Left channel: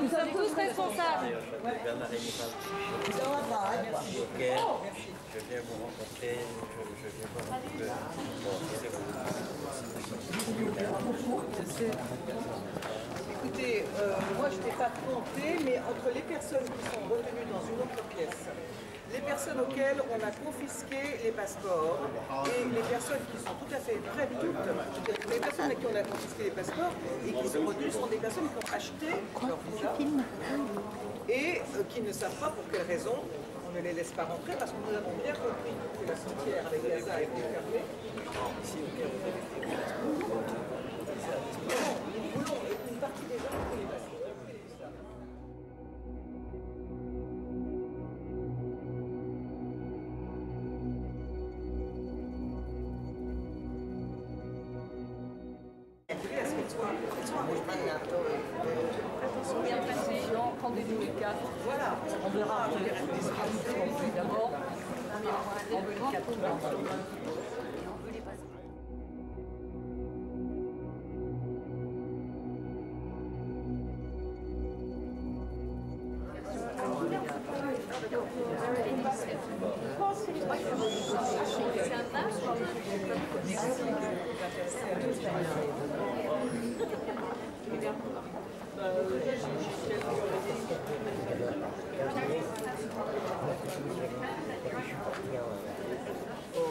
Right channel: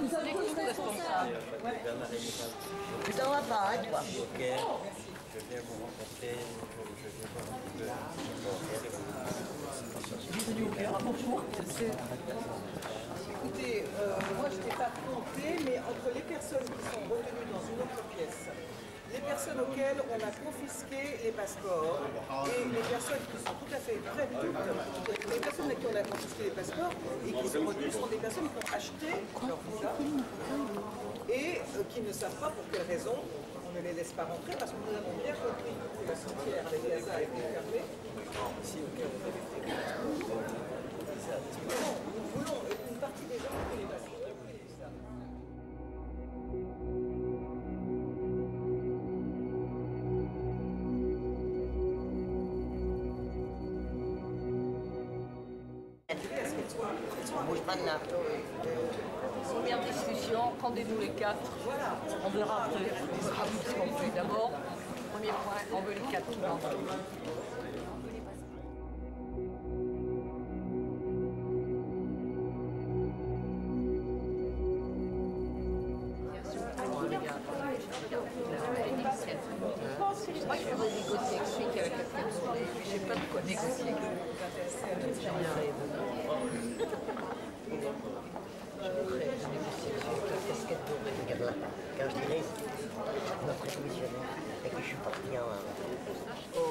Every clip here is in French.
Nous sommes tous responsables. Bernard Rénival. Ça va pas, hein, toi. Ok. Je viens vous rencontrer. Je viens voir un petit peu. Écoutez, moi je n'ai pas compté, mais entre les personnes qui sont retenues dans une autre pièce, les personnes auxquelles on a confisqué les passeports et les personnes qui sont tout à fait prêtes, les personnes à qui on a confisqué les passeports et qui sont retenues sont des personnes qui ont acheté leur visa et qui ne savent pas pour quelle raison on ne les laisse pas rentrer parce que nous avons bien compris que la frontière avec Gaza a été fermée. Ici, au cas où vous avez des passeports. Nous voulons une partie des gens qui ont les passeports. Première discussion, rendez-vous les 4. Voilà. On verra ce qu'on fait d'abord. Premier point, on veut les 4 qui rentrent.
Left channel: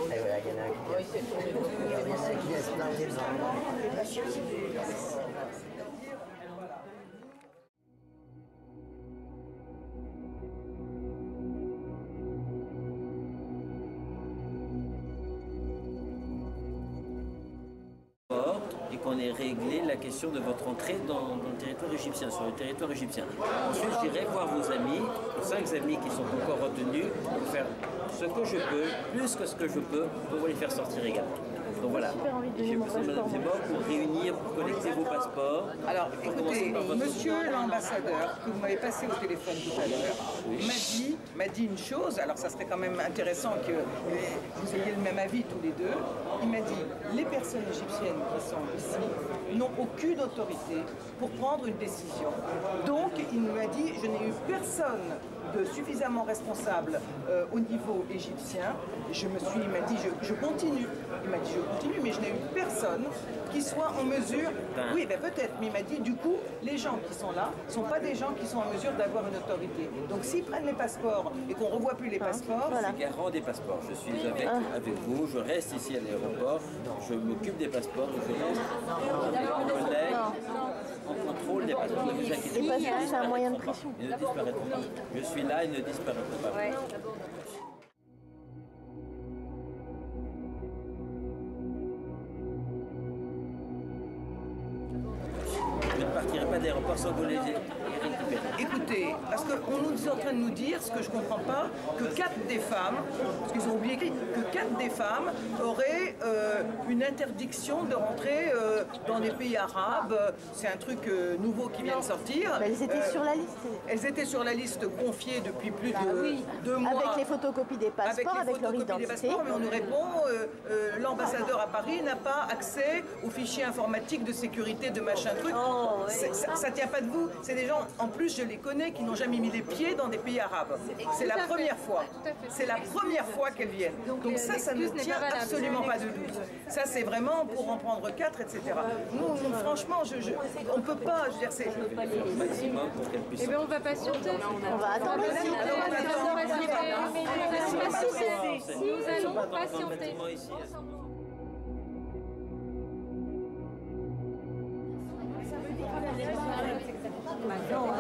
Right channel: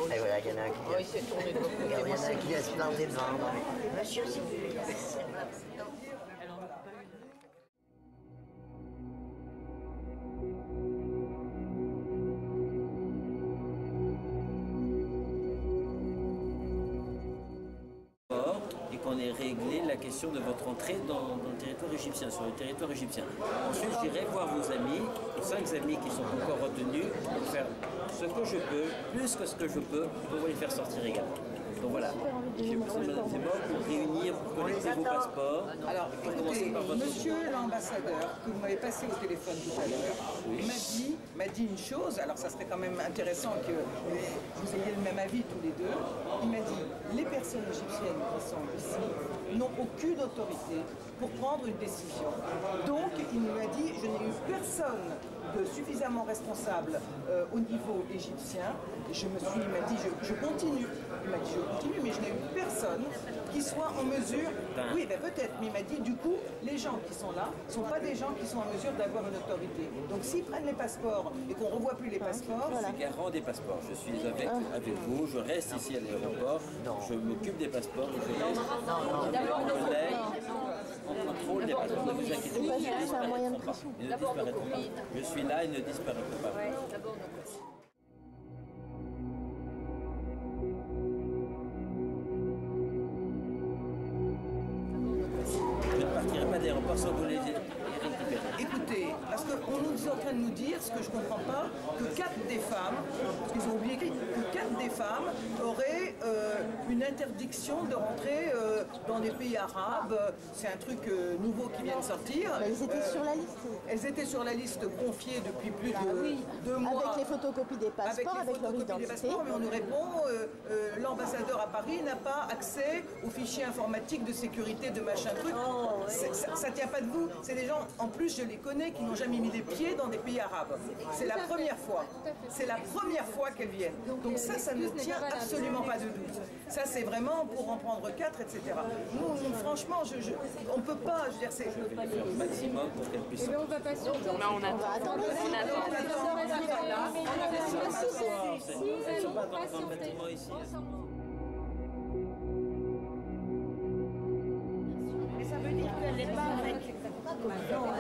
Et voilà, il y en a un qui laisse planter devant. Monsieur, s'il vous plaît. Et qu'on ait réglé la question de votre entrée dans le territoire égyptien, sur le territoire égyptien. Ensuite, j'irai voir vos amis, 5 amis qui sont encore retenus, pour faire ce que je peux, plus que ce que je peux, pour vous les faire sortir également. Donc voilà, j'ai besoin de Mme Zemmour pour réunir, pour collecter vos passeports. Alors, écoutez, monsieur l'ambassadeur, que vous m'avez passé au téléphone tout à l'heure, m'a dit une chose, alors ça serait quand même intéressant que vous ayez le même avis tous les deux. Il m'a dit, les personnes égyptiennes qui sont ici n'ont aucune autorité pour prendre une décision. Donc, il m'a dit, je n'ai eu personne de suffisamment responsable au niveau égyptien. Il m'a dit, je continue. Il m'a dit, je continue, mais je n'ai eu personne qui soit en mesure... Oui, ben peut-être, mais il m'a dit, du coup, les gens qui sont là ne sont pas des gens qui sont en mesure d'avoir une autorité. Donc s'ils prennent les passeports et qu'on ne revoit plus les passeports... Je suis garant des passeports. Je suis avec vous, je reste ici à l'aéroport, je m'occupe des passeports, je laisse mes collègues en contrôle des passeports. Ne vous inquiétez pas, ils ne disparaîtront pas. Je suis là, ils ne disparaîtront pas. Je ne partirai pas d'aéroport sans vous les récupérer. Écoutez, parce qu'on nous est en train de nous dire, ce que je ne comprends pas, que 4 des femmes, parce qu'ils ont oublié que 4 des femmes auraient une interdiction de rentrer dans des pays arabes. C'est un truc nouveau qui vient de sortir. Bah, elles étaient sur la liste. Elles étaient sur la liste confiée depuis plus de 2 mois. Avec les photocopies des passeports, avec leur identité. Mais on nous répond, l'ambassadeur à Paris n'a pas accès aux fichiers informatiques de sécurité de machin truc. Ça tient pas de vous. C'est des gens, en plus je les connais, qui n'ont jamais mis les pieds dans des pays arabes. C'est la première fois. C'est la première fois qu'elles viennent. Donc ça ne tient absolument pas de doute. Ça c'est vraiment pour en prendre 4, etc. Nous franchement, on ne peut pas, je veux dire, c'est... Au maximum pour qu'elles puissent... Eh bien, on va patienter. On va attendre aussi. Si nous allons patienter.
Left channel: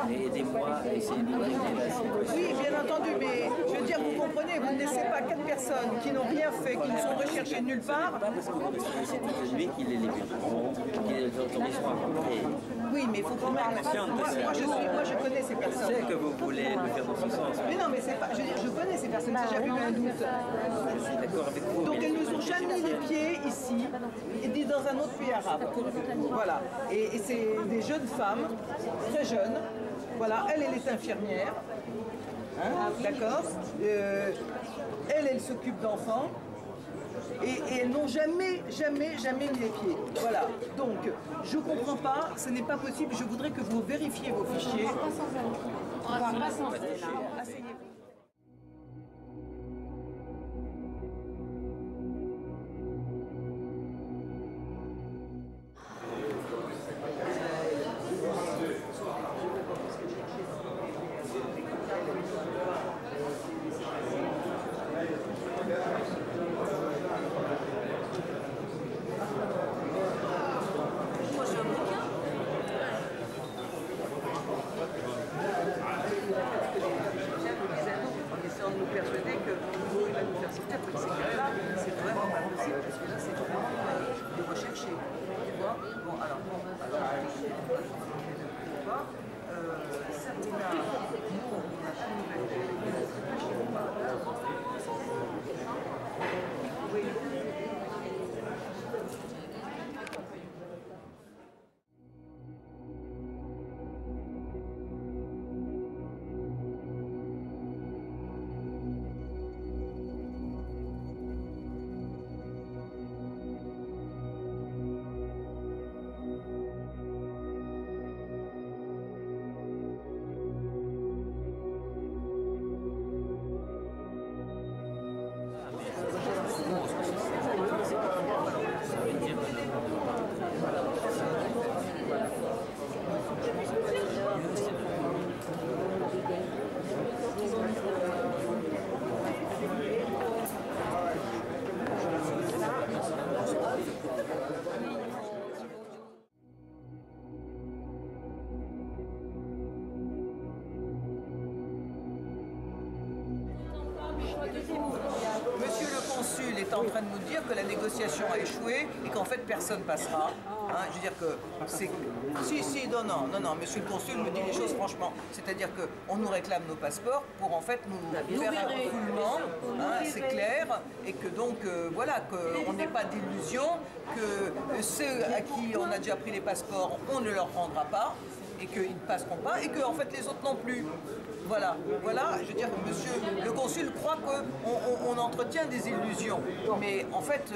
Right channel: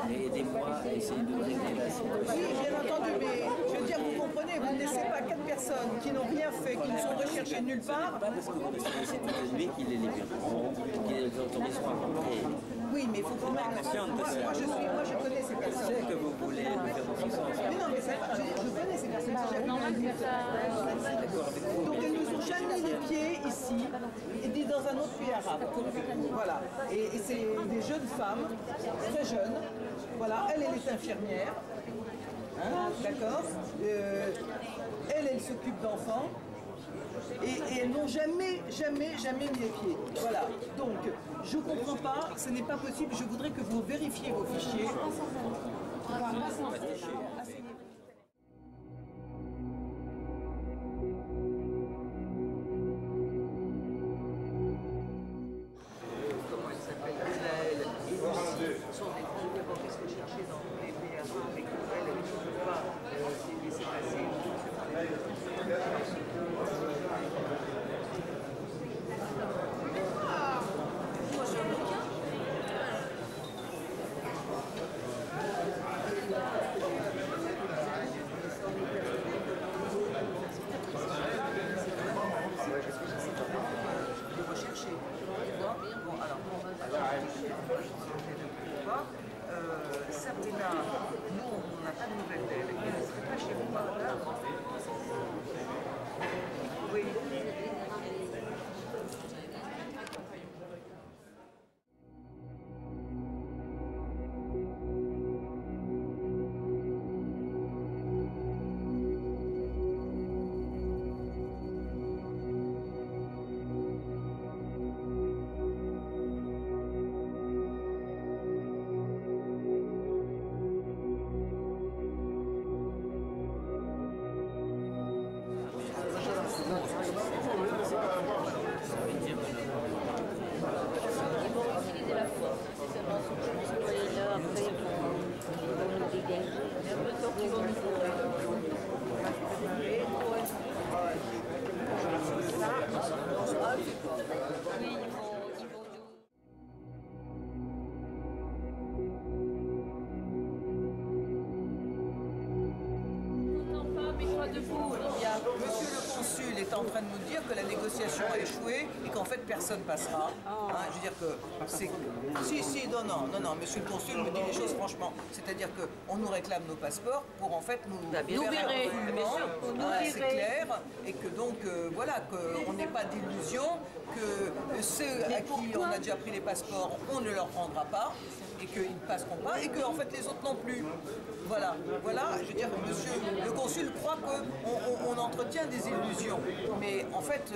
Aidez-moi à essayer de régler la situation. Oui, bien entendu, mais je veux dire, vous comprenez, vous ne laissez pas 4 personnes qui n'ont rien fait, qui ne sont recherchées nulle part. Pas parce que vous restez ici toute la nuit qu'ils les libéreront, qu'ils les autoriseront à rentrer. Oui, mais il faut quand même... Moi, je connais ces Je personnes. sais que vous voulez le faire dans ce sens. Mais non, mais c'est pas... Je veux dire, je connais ces personnes, j'ai jamais eu un doute. D'accord avec vous. Donc elles nous ont jamais mis les pieds ici, et dans un autre pays arabe. Voilà. Et c'est des jeunes femmes, très jeunes. Voilà, elle est infirmière. Hein, d'accord. Elle s'occupe d'enfants. Et elles n'ont jamais mis les pieds. Voilà. Donc, je comprends pas, ce n'est pas possible. Je voudrais que vous vérifiez vos fichiers. Asseyez-vous. Sabrina, nous, on n'a pas de nouvelles d'elle. Elle ne serait pas chez vous par hasard. Oui. Monsieur le consul est en train de nous dire que la négociation a échoué et qu'en fait personne passera. Hein, je veux dire que c'est... Si, non, monsieur le consul me dit les choses franchement. C'est-à-dire qu'on nous réclame nos passeports pour en fait nous faire un refoulement, hein, c'est clair, et que donc voilà, qu'on n'ait pas d'illusion, que ceux à qui on a déjà pris les passeports, on ne leur rendra pas, et qu'ils ne passeront pas, et que en fait les autres non plus. Voilà, je veux dire, monsieur le consul croit qu'on entretient des illusions, mais en fait,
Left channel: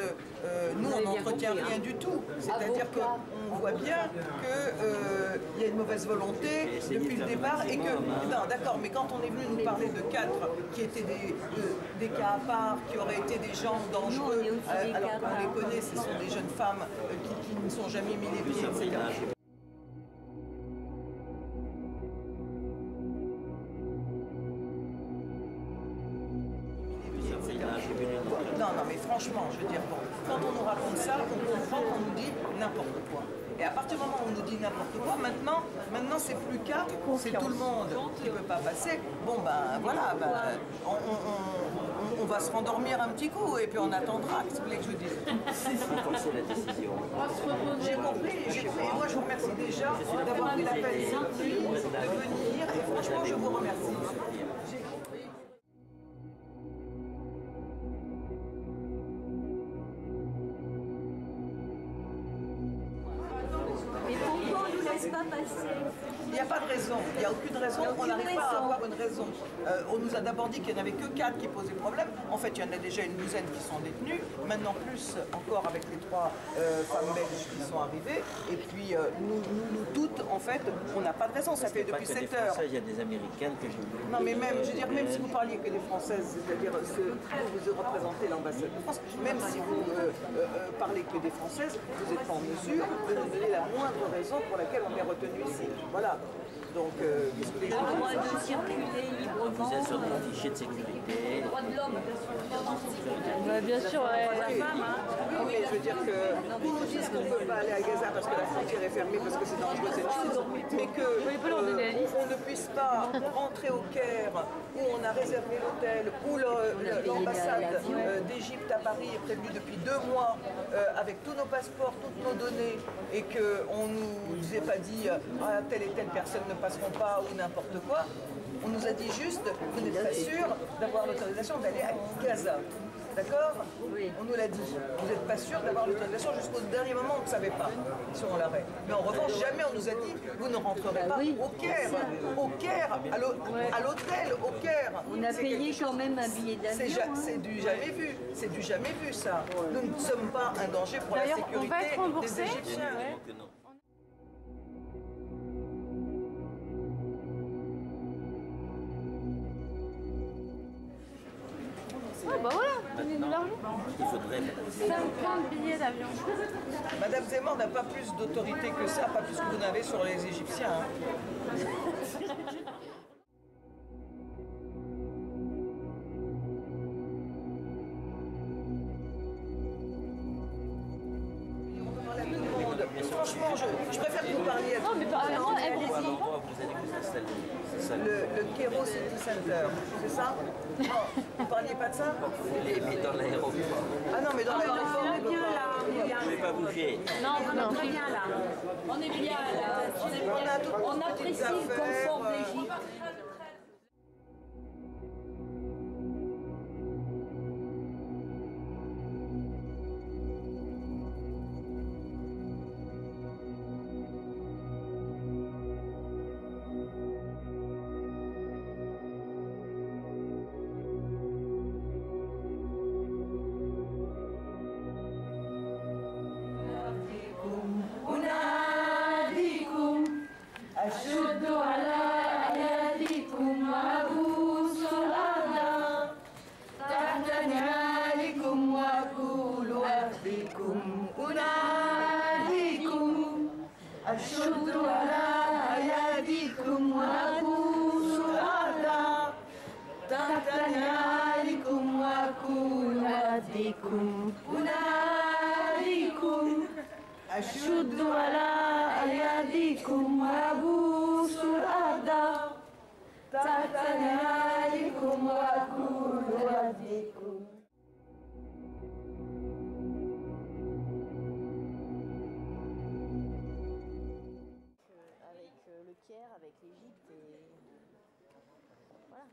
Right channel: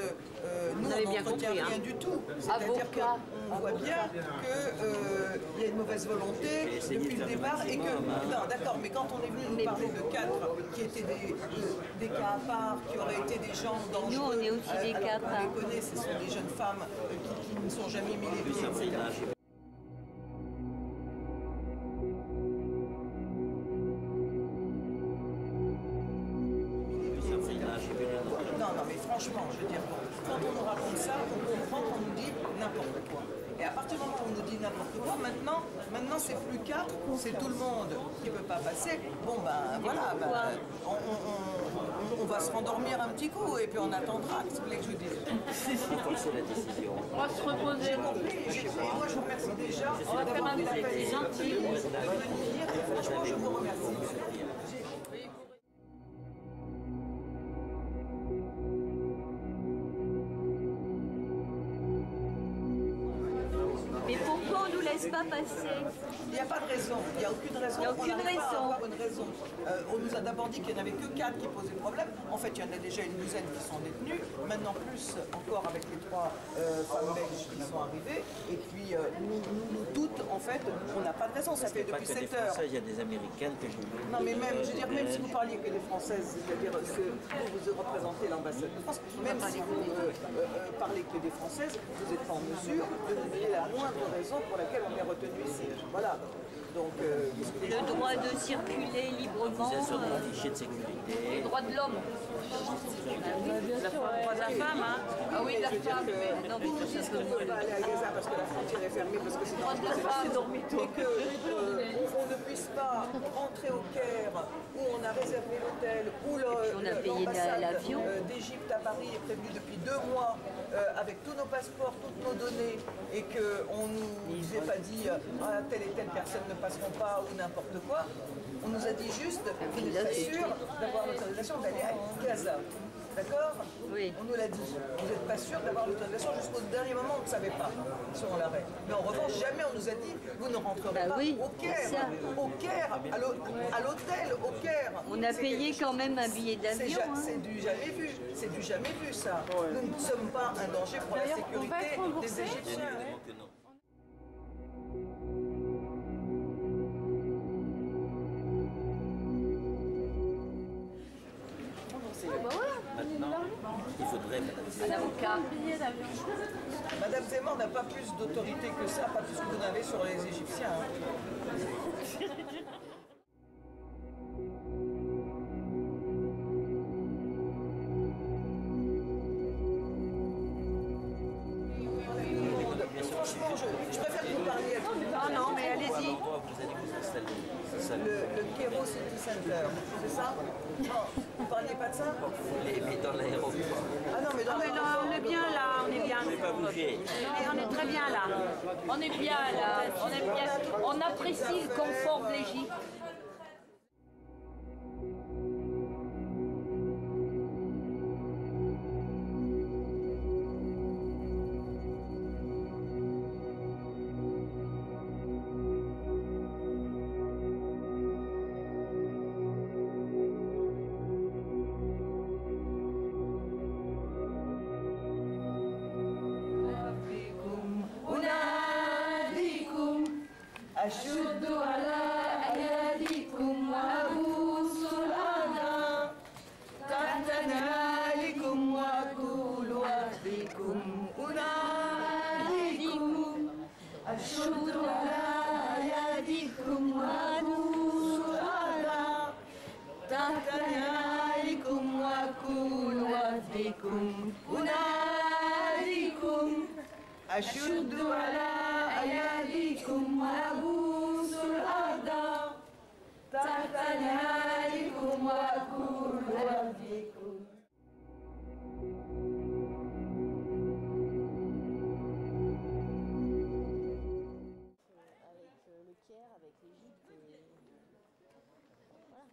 nous, on n'entretient rien du tout. C'est-à-dire qu'on voit bien qu'il y a une mauvaise volonté depuis le départ et que, non, d'accord, mais quand on est venu nous parler de 4 qui étaient des cas à part, qui auraient été des gens dangereux, alors qu'on les connaît, ce sont des jeunes femmes qui ne sont jamais mis les pieds, etc. Non, mais franchement, je veux dire, quand on nous raconte ça, on comprend qu'on nous dit n'importe quoi. Et à partir du moment où on nous dit n'importe quoi, maintenant c'est plus 4, c'est tout le monde qui ne peut pas passer. Bon, ben voilà, on va se rendormir un petit coup et puis on attendra. Qu'est-ce que vous voulez que je vous dise? C'est la décision. J'ai compris. Et moi, je vous remercie déjà d'avoir pris la peine de venir. Et franchement, je vous remercie. Mais pourquoi on ne nous laisse pas passer? Il n'y a pas de raison, il n'y a aucune raison, on n'arrive pas à avoir une raison. On nous a d'abord dit qu'il n'y en avait que 4 qui posaient problème. En fait, il y en a déjà une douzaine qui sont détenues, maintenant plus encore avec les 3 femmes belges qui sont arrivées. Et puis nous toutes, en fait, on n'a pas de raison, ça fait depuis 7 heures. Il y a des Américaines que j'ai vues. Non mais même, je veux dire, même si vous parliez que des Françaises, c'est-à-dire que vous représentez l'ambassade de France, même si vous parlez que des Françaises, vous n'êtes pas en mesure de nous donner la moindre raison pour laquelle on est retenu ici. Voilà. Donc, le droit de circuler librement. Vous êtes sur mon fichier de sécurité. Le droit de l'homme. Bien sûr, la femme. Hein. Oui, mais je veux dire que ils nous disent qu'on ne peut pas aller à Gaza parce que la frontière est fermée, parce que c'est dangereux, mais qu'on ne puisse pas rentrer au Caire, où on a réservé l'hôtel, où l'ambassade d'Égypte à Paris est prévue depuis 2 mois, avec tous nos passeports, toutes nos données, et qu'on ne nous ait pas dit telle et telle personne ne passeront pas ou n'importe quoi. On nous a dit juste, vous n'êtes pas sûr d'avoir l'autorisation d'aller à Gaza. D'accord? Oui. On nous l'a dit. Vous n'êtes pas sûr d'avoir l'autorisation jusqu'au dernier moment, on ne savait pas si on l'arrête. Mais en revanche, jamais on nous a dit, vous ne rentrerez pas au Caire. Au Caire, à l'hôtel, au Caire. On a payé quand même un billet d'avion. C'est du jamais vu. C'est du jamais vu, ça. Nous ne sommes pas un danger pour la D'ailleurs, on va être sécurité remboursé. des Égyptiens. Évidemment que non. Bah voilà, donnez-nous l'argent. Il faudrait, Ça vous plein de billets d'avion. Madame Zemmour n'a pas plus d'autorité que ça, pas plus que vous n'avez sur les Égyptiens. Hein. Franchement, je préfère que vous parliez à tout le monde. Non, mais à allez-y. l'endroit où vous allez vous installer. C'est ça. Le Cairo City Center, c'est ça? Non, vous parliez pas de ça? Mais dans l'aéroport. Ah non, mais dans l'aéroport, On est bien là, on est bien. Vous ne pouvez pas bouger. Non, on est très bien là. On est bien là. On est bien. On apprécie le confort de l'Égypte. أشد على أياديكم وأبوس الأرض تحت نعالكم وأقول وأهديكم أناديكم أشد على أياديكم وأبوس الأرض تحت نعالكم وأقول وأهديكم أناديكم أشد على أياديكم وأبوس الأرض تحت نعالكم وأقول وأهديكم. Avec le Caire, avec l'Égypte et voilà.